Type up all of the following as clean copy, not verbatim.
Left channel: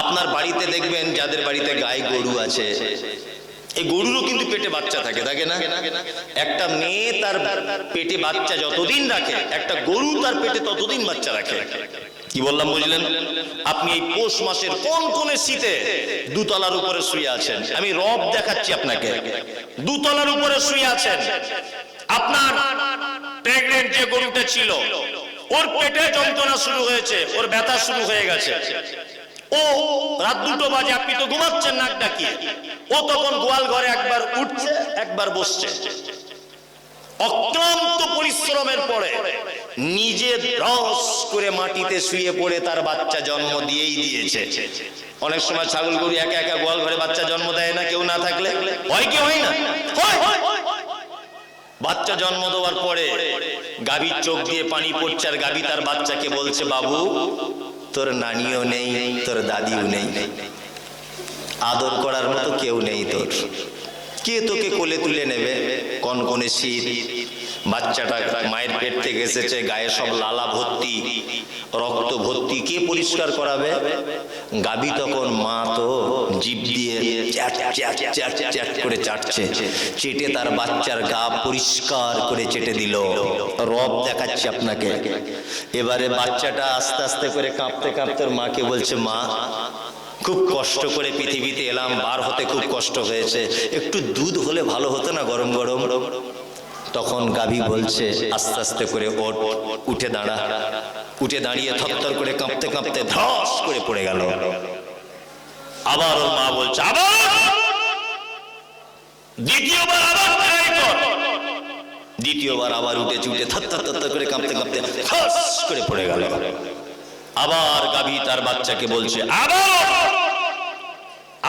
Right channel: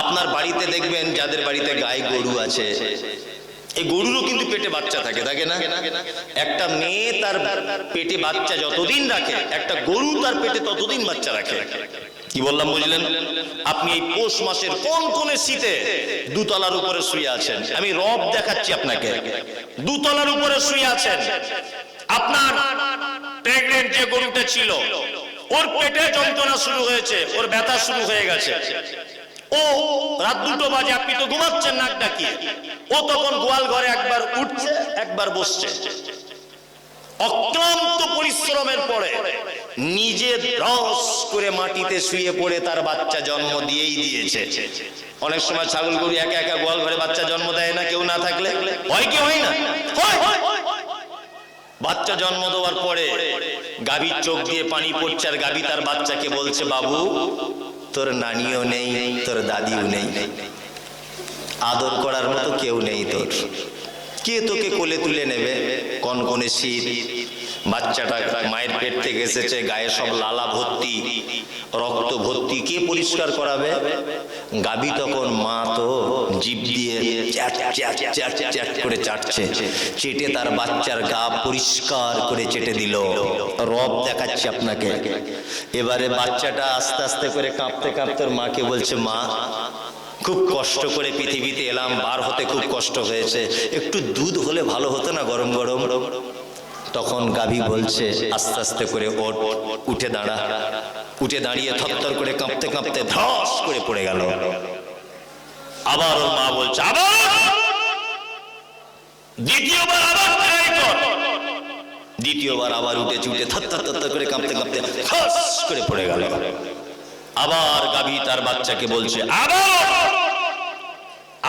আপনার বাড়িতে দেখবেন যাদের বাড়িতে গাই গরু আছে, এই গরুরও কিন্তু পেটে বাচ্চা থাকে, থাকে না? একটা মেয়ে তার পেটে বাচ্চা যতদিন রাখে, একটা গরু তার পেটে ততদিন বাচ্চা রাখে। কি বললাম বুঝলেন? আপনি এই পৌষ মাসের কোন কোন শীতে দুতলার উপরে শুয়ে আছেন, আমি রব দেখাচ্ছি আপনাকে। দুতলার উপরে শুয়ে আছেন, আপনার প্রেগনেন্ট যে গরুটা ছিল ওর পেটে যন্ত্রণা শুরু হয়েছে, ওর ব্যথা শুরু হয়ে গেছে। ও রাত 2টো বাজে, আপনি তো ঘুমাচ্ছেন নাক ডাকিয়ে, ও তখন গোয়াল ঘরে একবার উঠছে একবার বসছে। অক্লান্ত পরিশ্রমের পরে নিজে রস করে মাটিতে শুয়ে পড়ে তার বাচ্চা জন্ম দিয়েই দিয়েছে। অনেক সময় ছাগল গরু একা একা গোয়াল ঘরে বাচ্চা জন্ম দেয় না, কেউ না থাকলে? হয় কি হয় না? হয়। বাচ্চা জন্ম দেওয়ার পরে গাভীর চোখ দিয়ে পানি পড়ছে, আর গাভী তার বাচ্চাকে বলছে, বাবু তোর নানিও নেই, তোর দাদিও নেই, আদর করার মতো কেউ নেই তোর, কে তোকে কোলে তুলে নেবে? কনকনে শীত, বাচ্চাটা মায়ের পেট থেকে এসেছে, গায়ে সব লালা ভর্তি, রক্ত ভর্তি, কে পরিষ্কার করাবে? গাভী তখন মা তো জিভ দিয়ে চ্যাট চ্যাট চ্যাট চ্যাট করে চাটছে, চেটে তার বাচ্চার গা পরিষ্কার করে চেটে দিল। রব দেখাচ্ছি আপনাকে। এবারে বাচ্চাটা আস্তে আস্তে করে কাঁপতে কাঁপতে মাকে বলছে, মা খুব কষ্ট করে পৃথিবীতে এলাম, বার হতে খুব কষ্ট হয়েছে, একটু দুধ হলে ভালো হতো না, গরম গরম। তখন গাভী বলছে আস্তে আস্তে করে ওঠ, উঠে দাঁড়া। উঠে দাঁড়িয়ে থরথর করে কাঁপতে কাঁপতে ধস করে পড়ে গেল। আবার ওর মা বলছে, আবার দ্বিতীয়বার, আবার ট্রাই কর। দ্বিতীয়বার আবার উঠে চুটে থরথর করে কাঁপতে কাঁপতে ধস করে পড়ে গেল। আবার গাভী তার বাচ্চাকে বলছে,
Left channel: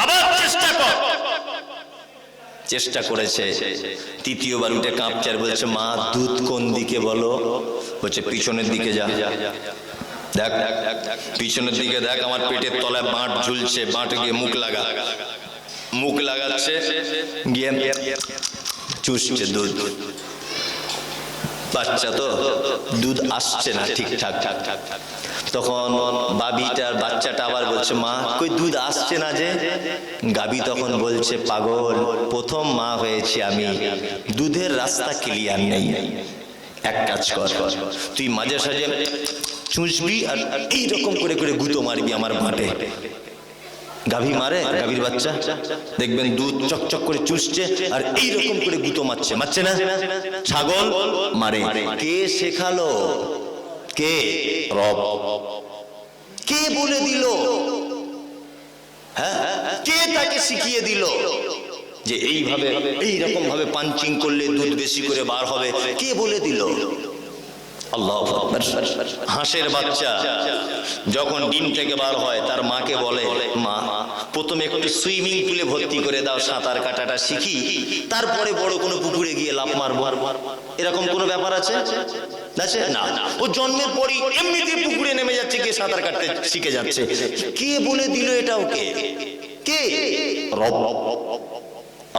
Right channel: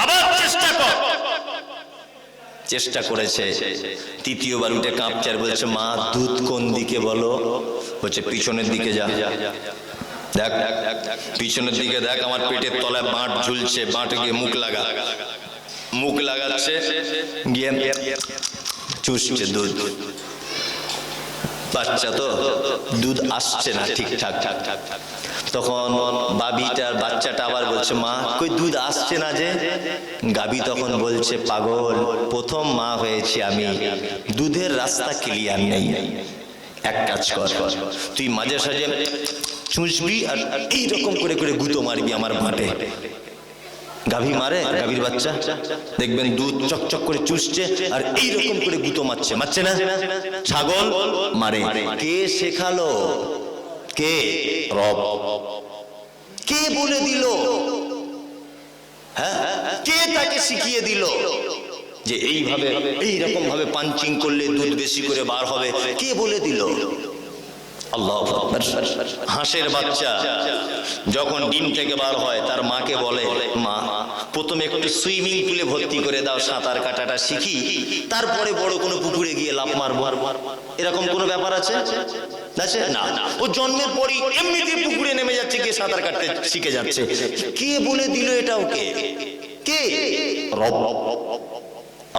আবার চেষ্টা কর। চেষ্টা করেছে, তৃতীয়বার উঠে কাঁপছে আর বলছে, মা দুধ কোন দিকে বলো? বলছে পিছনের দিকে যা, দেখ পিছনের দিকে দেখ, আমার পেটের তলায় বাঁট ঝুলছে, বাঁটে গিয়ে মুখ লাগা। মুখ লাগাচ্ছে, গিয়ে চুষছে দুধ। বাচ্চা তো দুধ আসছে না ঠিকঠাক। তখন বাবিটার বাচ্চাটা আবার বলছে, মা কই দুধ আসছে না যে? গাবি তখন বলছে, পাগল, প্রথম মা হয়েছি আমি, দুধের রাস্তা ক্লিয়ার নেই। এক কাজ কর, তুই মাঝে সাঝে চুষবি আর এইরকম করে করে গুঁতো মারবি আমার ভাঁটে। গাভী মারে, গাভীর বাচ্চা দেখবেন দুধ চকচক করে চুষছে আর এইরকম করে গুঁতো মারছে, মারছে না? ছাগল মারে। কে শেখালো? কে? রব। কে বলে দিল? হ্যাঁ, কে তাকে শিখিয়ে দিল যে এইভাবে এইরকম ভাবে পাঞ্চিং করলে দুধ বেশি করে বার হবে? কে বলে দিল? আল্লাহু আকবার। হাঁসের বাচ্চা যখন ডিম থেকে বার হয় তার মাকে বলে, মা প্রথমে একটু সুইমিং পুলে ভর্তি করে দাও, সাঁতার কাটাটা শিখি, তারপরে বড় কোনো পুকুরে গিয়ে লাফ মারবো। এরকম কোনো ব্যাপার আছে? না, ও জন্মের পরই এমনিতে পুকুরে নেমে যাচ্ছে, গিয়ে সাঁতার কাটতে শিখে যাচ্ছে। কে বলে দিল এটা ওকে? কে? রব।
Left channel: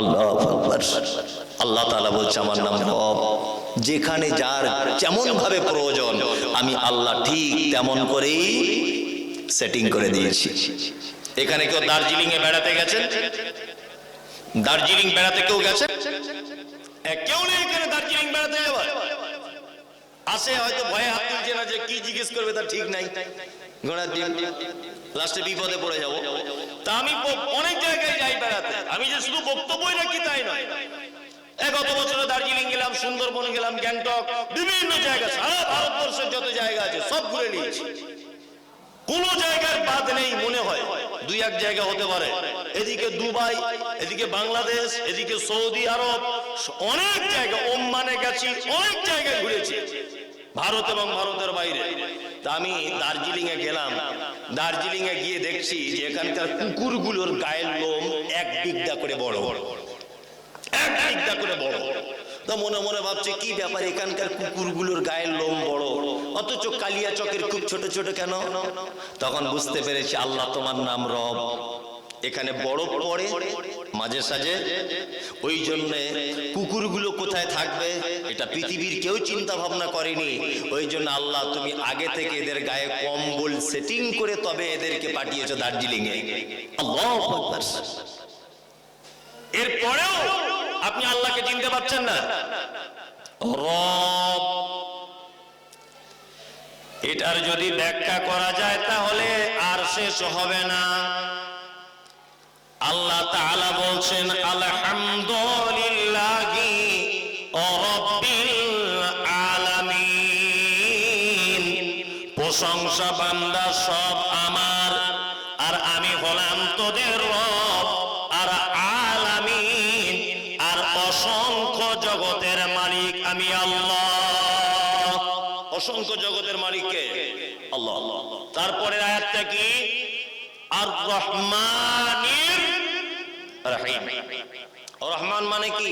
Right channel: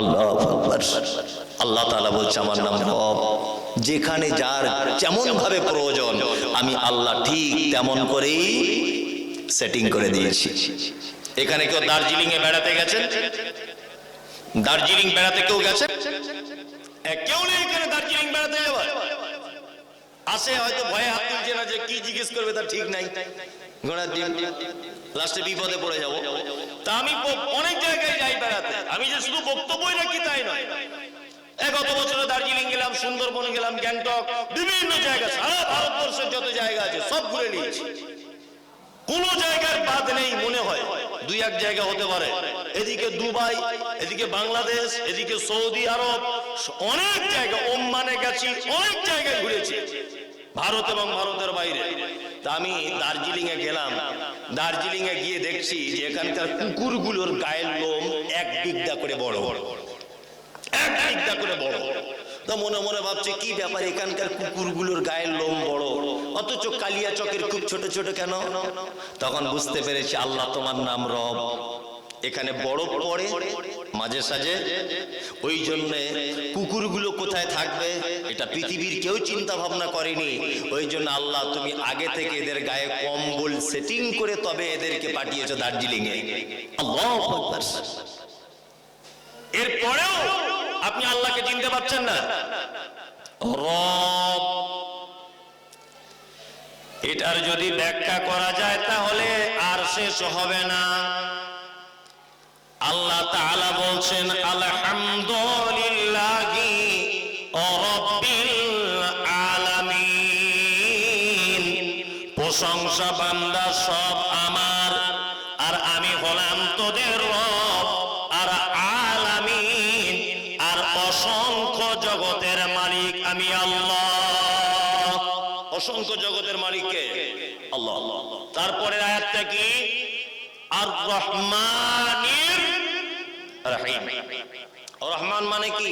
আল্লাহু আকবার। আল্লাহ তাআলা বলছে, আমার নাম রব। যেখানে যার যেমন ভাবে প্রয়োজন আমি আল্লাহ ঠিক তেমন করেই সেটিং করে দিয়েছি। এখানে কেউ দার্জিলিং এ বেড়াতে গেছেন? দার্জিলিং বেড়াতে কেউ গেছেন? কেউ নেই এখানে দার্জিলিং বেড়াতে যাওয়ার। আসে হয়তো ভয়ে হাত তুলছে না, যে কি জিজ্ঞেস করবে তার ঠিক নাই, ঘোড়ার ডিম, লাস্টে বিপদে পড়ে যাবো। তা আমি অনেক জায়গায় যাই বেড়াতে, আমি যে শুধু বক্তব্যই রাখি তাই নয়। গত বছরে দার্জিলিং গেলাম, সুন্দরবন গেলাম, গ্যাংটক, বিভিন্ন জায়গা, সারা ভারতবর্ষের যত জায়গা আছে সব ঘুরে নিয়েছি। কোন জায়গার বাদ নেই মনে হয়, দুই এক জায়গা হতে পারে। এদিকে দুবাই, এদিকে বাংলাদেশ, এদিকে সৌদি আরব, অনেক জায়গা, ওমানে গেছি, অনেক জায়গায় ঘুরেছি ভারত এবং ভারতের বাইরে। তা আমি দার্জিলিং এ গেলাম, দার্জিলিং এ গিয়ে দেখছি যে এখানকার কুকুরগুলোর গায়ের লোম এক বিঘা করে বড়, এক বিঘা করে বড়। তো মনে মনে ভাবছি কি ব্যাপার, এখানকার কুকুরগুলোর গায়ের লোম বড়, অথচ কালিয়া চকের খুব ছোট ছোট কেন? তখন বুঝতে পেরেছি, আল্লাহ তোমার নাম রব, এখানে বরফ পড়ে মাঝে সাঝে, ওই জন্য কুকুরগুলো কোথায় থাকবে এটা পৃথিবীর কেউ চিন্তা ভাবনা করেনি। ওই জন্য আল্লাহ তুমি আগে থেকে এদের গায়ে কম্বল সেটিং করে তবে এদেরকে পাঠিয়েছো দার্জিলিং এ। আল্লাহু আকবার। এরপরেও আপনি আল্লাহকে চিনতে পারছেন না। রব, এটার যদি ব্যাখ্যা করা যায় তাহলে আর শেষ হবে না। আল্লাহ তাআলা বলছেন আলহামদুলিল্লাহি রাব্বিল আলামিন, প্রশংসা বান্দা সব আমার, আর আমি হলাম তোদের রব, আর আলামিন আর অসংখ্য জগতের মালিক আমি আল্লাহ। অসংখ্য জগতের মালিক কে? আল্লাহ। তারপরে আয়াতটা কি? আর রহমানির রহিম। রহমান মানে কি?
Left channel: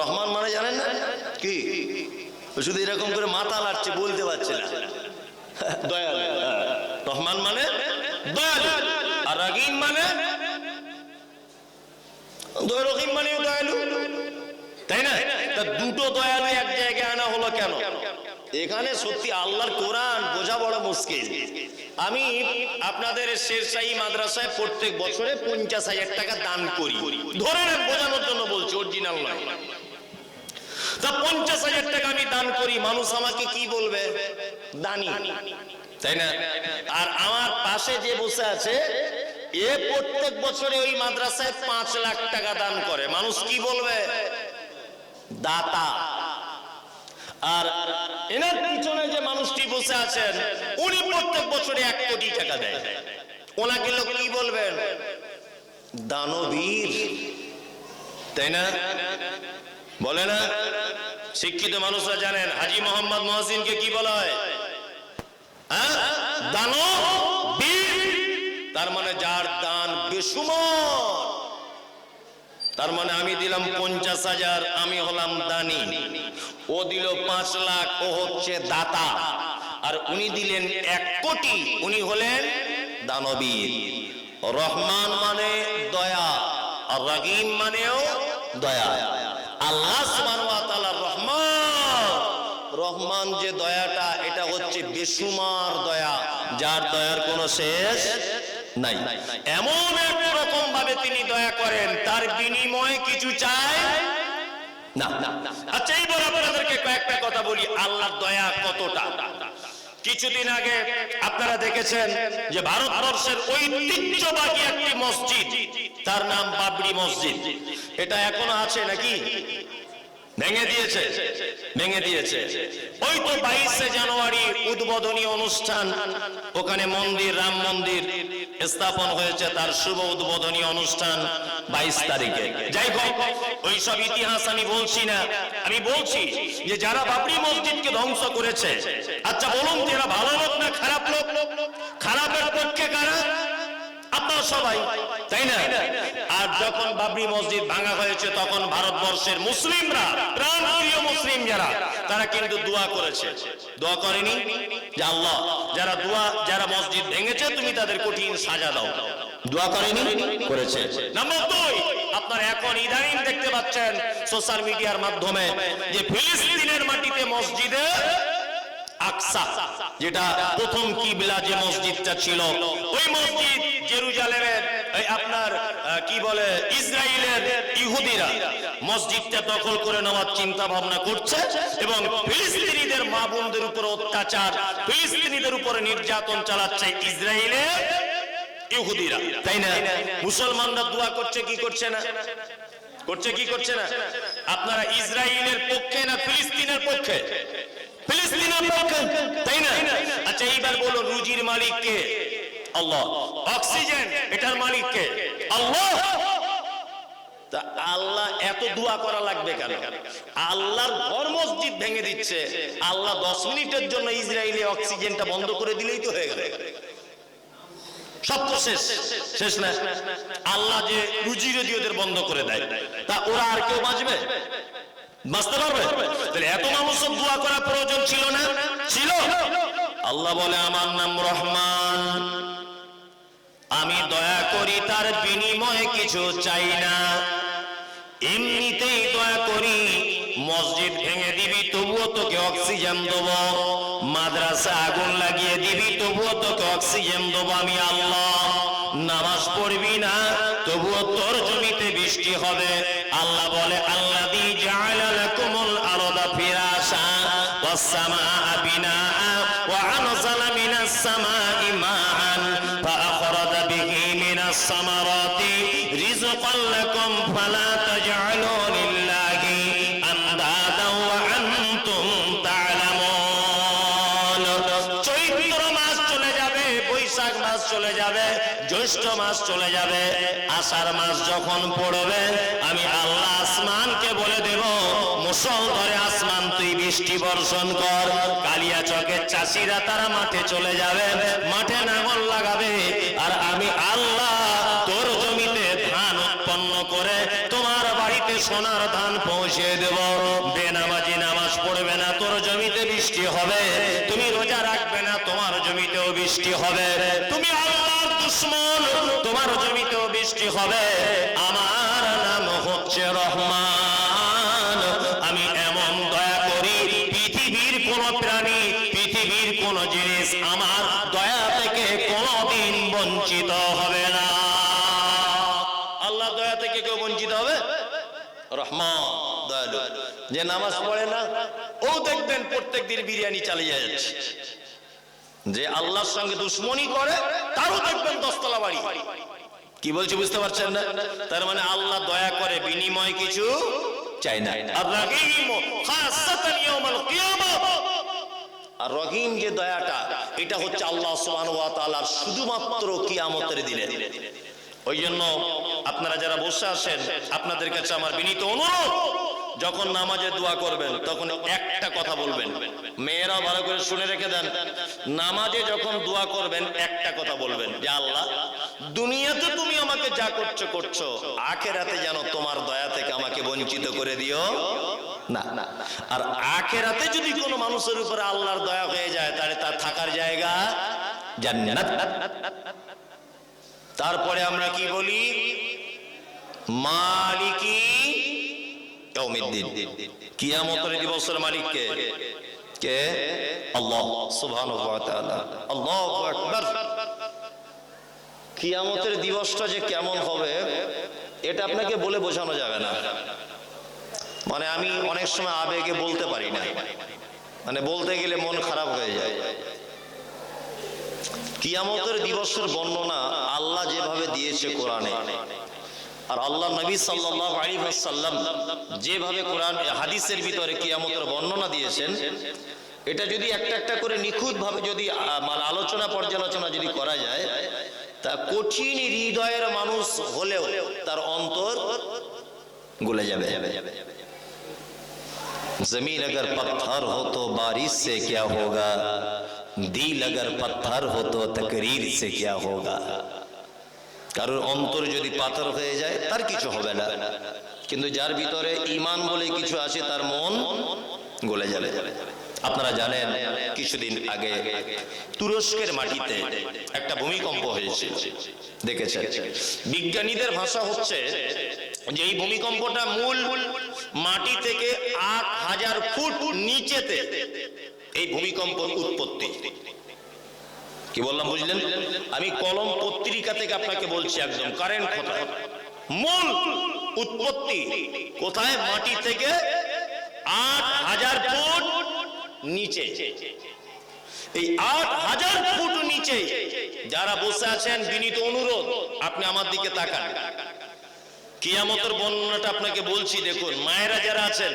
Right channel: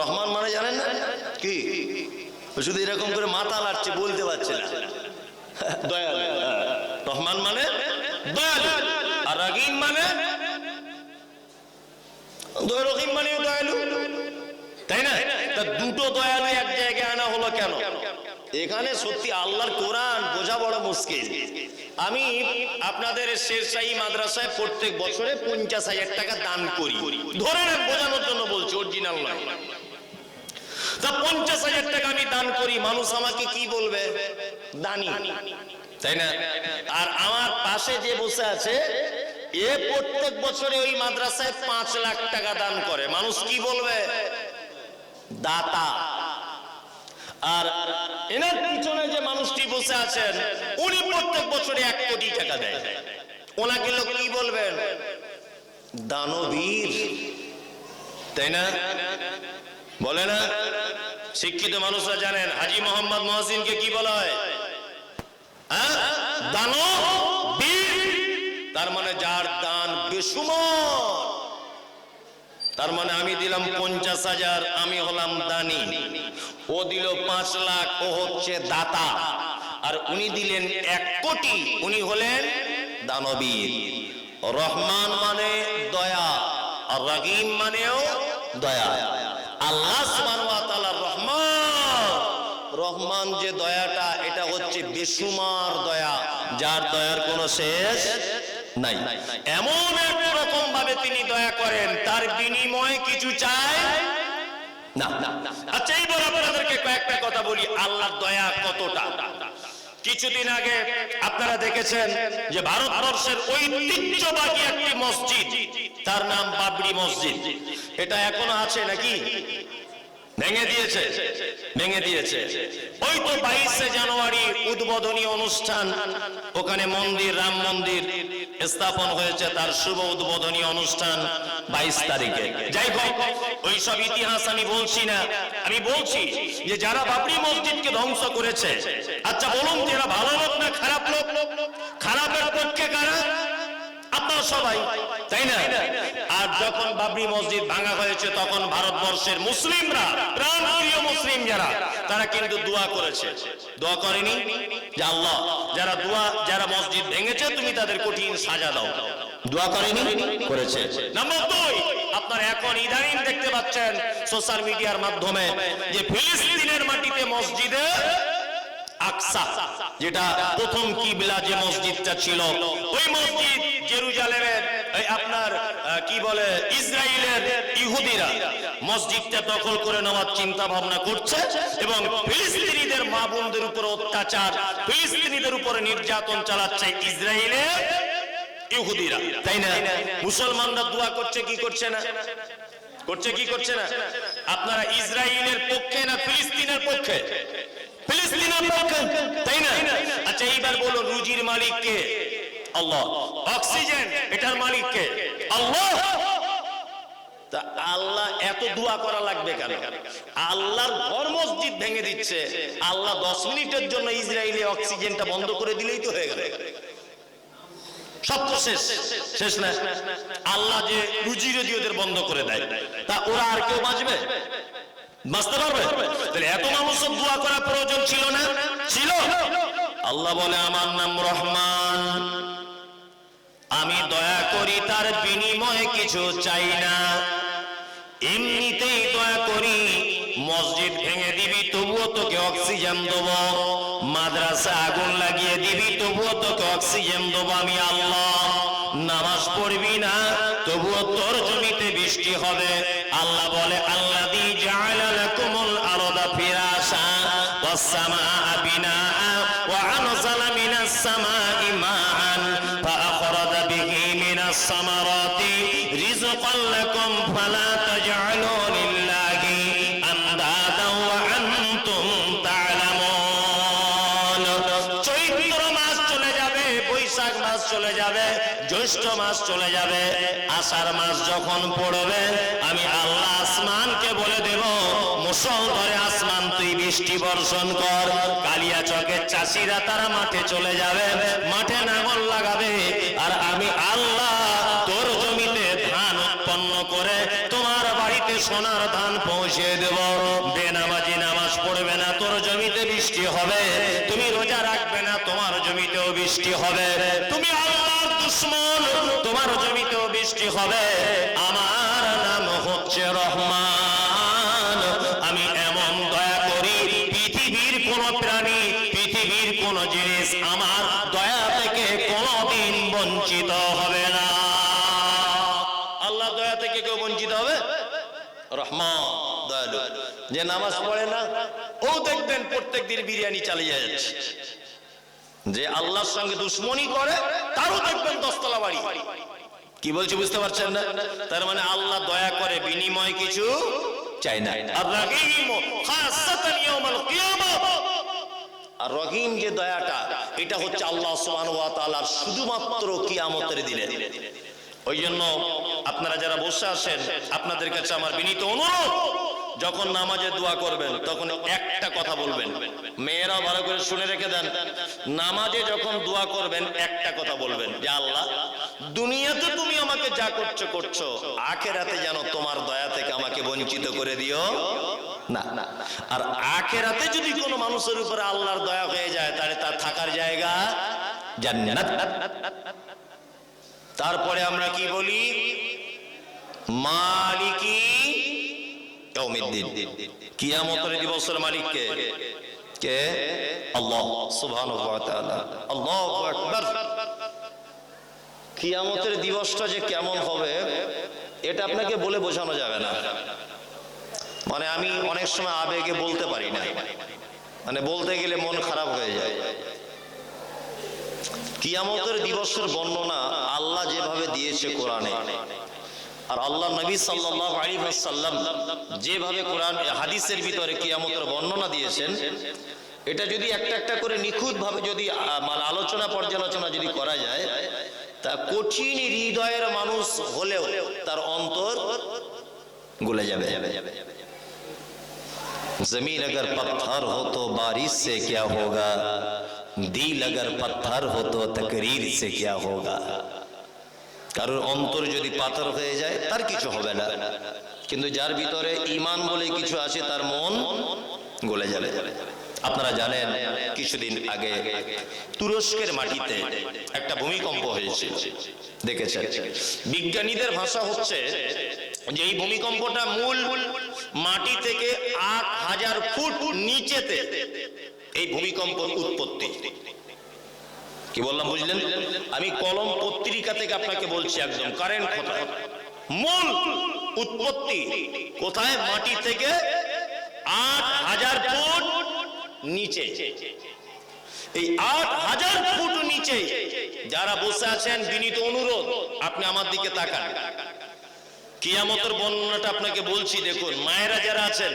রহমান মানে জানেন না কি? শুধু এরকম করে মাথা লাড়ছে, বলতে পারছে না। দয়ালু। রহমান মানে দয়ালু, আর রহিম মানে রহিম মানে দয়ালু, তাই না? তা দুটো দয়ালু এক জায়গায় আনা হলো কেন? এখানে সত্যি আল্লাহর কোরআন বোঝা বড় মুশকিল। আমি আপনাদের শেরশাহী মাদ্রাসায় প্রত্যেক বছরে 50,000 টাকা দান করি, ধরে নেন, বোঝানোর জন্য বলছি, অরিজিনাল নয়। তা 50,000 টাকা আমি দান করি, মানুষ আমাকে কি বলবে? দানি, তাই না? আর আমার পাশে যে বসে আছে এ প্রত্যেক বছরে ওই মাদ্রাসায় 5 লাখ টাকা দান করে, মানুষ কি বলবে? দাতা। আর এনার পিছনে যে মানুষটি বসে আছেন উনি প্রত্যেক বছরে 1 কোটি টাকা দেয়, ওনাকে লোক কি বলবেন? দানবীর, তাই না? বলে না? শিক্ষিত মানুষরা জানেন হাজী মোহাম্মদ মহসিনকে কি বলা হয়? দানবীর। তার মানে যার দান বেসুমার। তার মানে আমি দিলাম 50,000, আমি হলাম দানি, ও দিল 5 লাখ, ও হচ্ছে দাতা, আর উনি দিলেন 1 কোটি, উনি হলেন দানবীর। রহমান মানে দয়া, আর রহিম মানেও দয়া। আল্লাহ সুবহানাহু ওয়া তাআলা রহমান, রহমান যে দয়াটা এটা হচ্ছে বেসুমার দয়া, যার দয়ার কোনো শেষ নাই। এমন এক রকম ভাবে তিনি দয়া করেন, তার বিনিময়ে কিছু চায় না। আচ্ছা, এইবার আপনাদেরকে কয়েকটা কথা বলি আল্লাহর দয়া কতটা। কিছুদিন আগে আপনারা দেখেছেন যে ভারতবর্ষের ঐতিহ্যবাহী একটি মসজিদ, তার নাম বাবরি মসজিদ, এটা এখনো আছে নাকি? ভেঙে দিয়েছে, ভেঙে দিয়েছে। ওই তো 22শে জানুয়ারি উদ্বোধনী অনুষ্ঠান, ওখানে মন্দির, রাম মন্দির স্থাপন হয়েছে, তার শুভ উদ্বোধনী অনুষ্ঠান 22 তারিখে। যাই হোক, ওই সব ইতিহাস আমি বলছি না, আমি বলছি যে যারা বাবরি মসজিদকে ধ্বংস করেছে, আচ্ছা বলুন এরা ভালো লোক না খারাপ লোক? খারাপের পক্ষে কারা? আপনারা সবাই, তাই না? আর যখন বাবরি মসজিদ ভাঙা হয়েছে তখন ভারতবর্ষের মুসলিমরা, প্রাণপ্রিয় মুসলিম যারা, তারা কিন্তু দোয়া করেছে। দোয়া করেনি যে আল্লাহ যারা মসজিদ ভেঙেছে তুমি তাদের কঠিন সাজা দাও? দোয়া করেনি? করেছে। নাম্বার 2, আপনারা এখন ইদানিং দেখতে পাচ্ছেন সোশ্যাল মিডিয়ার মাধ্যমে যে ফিলিস্তিনের মাটিতে মসজিদে আকসা, যেটা প্রথম কিবলা যে মসজিদটা ছিল, ওই মসজিদ জেরুজালেমের আপনার কি বলে ইসরায়েলের ইহুদিরা মসজিদটা দখল করে নেওয়ার চিন্তা ভাবনা করছে, এবং ফিলিস্তিনিদের মা বোনদের উপর অত্যাচার, ফিলিস্তিনিদের উপরে নির্যাতন চালাচ্ছে ইসরায়েলের ইহুদিরা, তাই না? মুসলমানরা দোয়া করছে কি করছে না? করছে কি করছে না? আপনারা ইসরায়েলের পক্ষে না ফিলিস্তিনের পক্ষে? ফিলিস্তিনের পক্ষে, তাই না? আচ্ছা এইবার বলো রুজির মালিক কে? আল্লাহ। অক্সিজেন এটার মালিক কে? আল্লাহ। তা আল্লাহ এত দোয়া করা লাগবে কেন? আল্লাহর ঘর মসজিদ ভেঙে দিচ্ছে, আল্লাহ 10 মিনিটের জন্য ইসরায়েলে অক্সিজেনটা বন্ধ করে দিলেই তো হয়ে গেল, সব তো শেষ। শেষ না? আল্লাহ যে রুজি রুজি ওদের বন্ধ করে দেয়, তা ওরা আর কেউ বাঁচবে? বাঁচতে পারবে? তাহলে এত মানুষের দোয়া করা প্রয়োজন ছিল না? ছিল। আল্লাহ বলে আমার নাম রহমান, তার বিনিময়ে কিছু চাই না, এমনিতেই দয়া করি। মসজিদ ভেঙে দিবি তবুও তোকে অক্সিজেন দেবো, মাদ্রাসা আগুন লাগিয়ে দিবি তবুও তোকে অক্সিজেন দেবো আমি আল্লাহ। নামাজ পড়বি না তবুও তোর জমিতে বৃষ্টি হবে। আল্লাহ বলে আল্লাযী জাআলা লাকুমুল আরদা ফিরাশা ওয়াস সামাআ বিনাআ ওয়া আনজালা মিনাস সামাই মাআন ফাআখরাজা বিহি মিনাস সামারাতি রিজকান লাকুম ফালা তাজআলু লিল্লাহি আনদাদা ওয়া আনতুম তা'লামুন। চৈত্র মাস চলে যাবে, বৈশাখ মাস চলে যাবে, জ্যৈষ্ঠ মাস চলে যাবে, আষাঢ় মাস যখন পড়বে আমি আল্লাহ আসমানকে বলে দেব মুষলধারে আসমান তুই বৃষ্টি বর্ষণ কর। কালিয়াচকের চাষিরা তারা মাঠে চলে যাবে, মাঠে নাঙল লাগাবে, আর আমি আল্লাহ তোর জমিতে ধান উৎপন্ন করে তোমার বাড়িতে সোনার ধান পৌঁছে দেব। বেনামাজি নামাজ পড়বে না, তোর জমিতে বৃষ্টি হবে। তুমি রোজা রাখবে না, তোমার জমিতেও বৃষ্টি হবে। তুমি আল্লাহর দুশমন, তোমার জমিতেও বৃষ্টি হবে। আমার নাম হচ্ছে রহমান। আমি এমন দয়া করি, পৃথিবীর কোন প্রাণী, পৃথিবীর কোন জিনিস আমার দয়া থেকে কোনদিন বঞ্চিত হবে না। আল্লাহ দয়া থেকে কেউ বঞ্চিত হবে? রহমান দয়ালু। যে নামাজ পড়ে না ও দেখবেন প্রত্যেকদিন বিরিয়ানি চালিয়ে যাচ্ছে। যে আল্লাহর সঙ্গে দুশ্মনী করে তারও দেখবেন দশতলা বাড়ি। কি বলছি বুঝতে পারছেন না? তার মানে আল্লাহ দয়া করে, বিনিময় কিছু চাই না। আর রহিম খাসাতান ইয়াউমাল কিয়ামাহ, আর রহিম যে দয়াটা এটা হচ্ছে আল্লাহ সুবহানাহু ওয়া তাআলার শুধুমাত্র কিয়ামতের দিনে। ওই জন্য আপনারা যারা বসে আছেন আপনাদের কাছে আমার বিনীত অনুরোধ, যখন নামাজে দোয়া করবেন তখন একটা কথা বলবেন। মেয়েরাও ভালো করে শুনে রেখে দেন, নামাজে যখন দোয়া করবেন একটা কথা বলবেন যে আল্লাহ দুনিয়াতে তুমি আমাকে যা করছো করছো, আখিরাতে যেন তোমার দয়া থেকে আমাকে বঞ্চিত করে দিও না। আর আখিরাতে যদি কোনো মানুষের উপরে আল্লাহর দয়া হয়ে যায় তাহলে তার থাকার জায়গা জান্নাত। তারপরে আমরা কি বলি? মালিকি ইয়াউমিদ্দিন, কিয়ামতের দিবসের মালিক কে? কে? আল্লাহ সুবহানাহু ওয়া তাআলা। আল্লাহু আকবার। কিয়ামতের দিবসটা যে কেমন হবে এটা আপনাকে বলে বোঝানো যাবে না। মানে আমি অনেক সময় আবেগে বলতে পারি না, মানে বলতে গেলে মন খারাপ হয়ে যায়। কিয়ামতের দিবসের বর্ণনা আল্লাহ যেভাবে দিয়েছে কোরআনে, আর আল্লাহ নবী সাল্লাল্লাহু আলাইহি ওয়াসাল্লাম যেভাবে কোরআন হাদিসের ভিতরে কিয়ামতের বর্ণনা দিয়েছেন, এটা যদি একটা একটা করে নিখুঁত ভাবে যদি আলোচনা পর্যালোচনা যদি করা যায়, তা কঠিন হৃদয়ের মানুষ হলেও তার অন্তর গলে যাবে। जमीन अगर पत्थर हो तो बारिश से क्या होगा, दिल अगर पत्थर हो तो तकरीर से क्या होगा। কারণ অন্তর যদি পাথর হয়ে যায় তার কিছু হবে না, কিন্তু যার ভিতরে ঈমান বলে কিছু আছে তার মন গলে যাবে। আপনারা জানেন কিছুদিন আগে তুরস্কের মাটিতে একটা ভূমিকম্প হয়েছে, দেখেছেন? বিজ্ঞানীদের ভাষা হচ্ছে যে এই ভূমিকম্পটা মূল মাটি থেকে ৮,০০০ ফুট নিচেতে এই ভূমিকম্পের উৎপত্তি। কি বললাম বুঝলেন? আমি কলম পত্রিকা থেকে আপনাকে বলছি, একদম কারেন্ট কথা। মূল উৎপত্তি কোথায়? মাটি থেকে ৮,০০০ ফুট নিচে। এই ৮,০০০ ফুট নিচে যারা বসে আছেন, বিনীত অনুরোধ আপনি আমার দিকে তাকান। কিয়ামতের বর্ণনাটা আপনাকে বলছি, দেখুন। মায়েরা যারা আছেন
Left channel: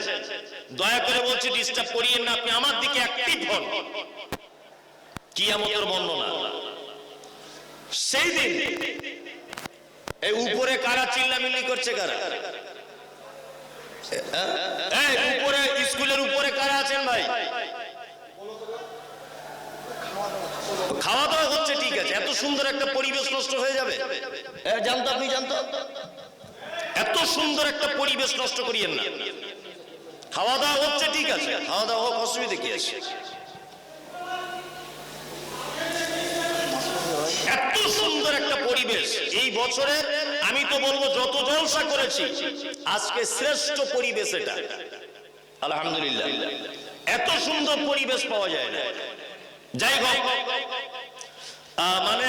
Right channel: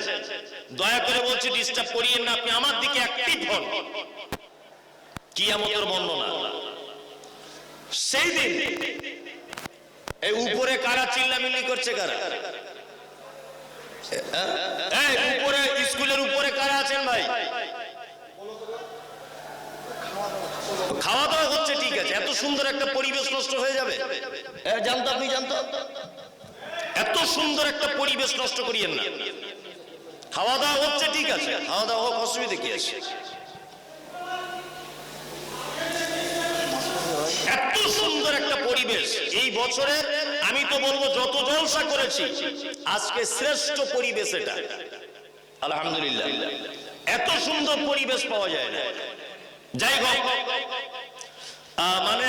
দয়া করে বলছি ডিস্টার্ব করিয়েন না, আপনি আমার দিকে অ্যাক্টিভ হন। কিয়ামতের বর্ণনা সেই দিন এই উপরে কারা চিল্লামিল্লি করছে? কারা এই উপরে স্কুলের উপরে কারা আছেন ভাই? খাওয়া দাওয়া হচ্ছে, ঠিক আছে। এত সুন্দর একটা পরিবেশ নষ্ট হয়ে যাবে? জানতো আপনি? জানতো? এত সুন্দর একটা পরিবেশ নষ্ট করিয়েন না। খাওয়া দাওয়া হচ্ছে, ঠিক আছে, খাওয়া দাওয়া হোক, অসুবিধা কি আছে? এত সুন্দর একটা পরিবেশ এই বছরের আমি তো বলবো যত জলসা করেছি আজকে শ্রেষ্ঠ পরিবেশ এটা, আলহামদুলিল্লাহ। এত সুন্দর পরিবেশ পাওয়া যায় না। যাই হোক, মানে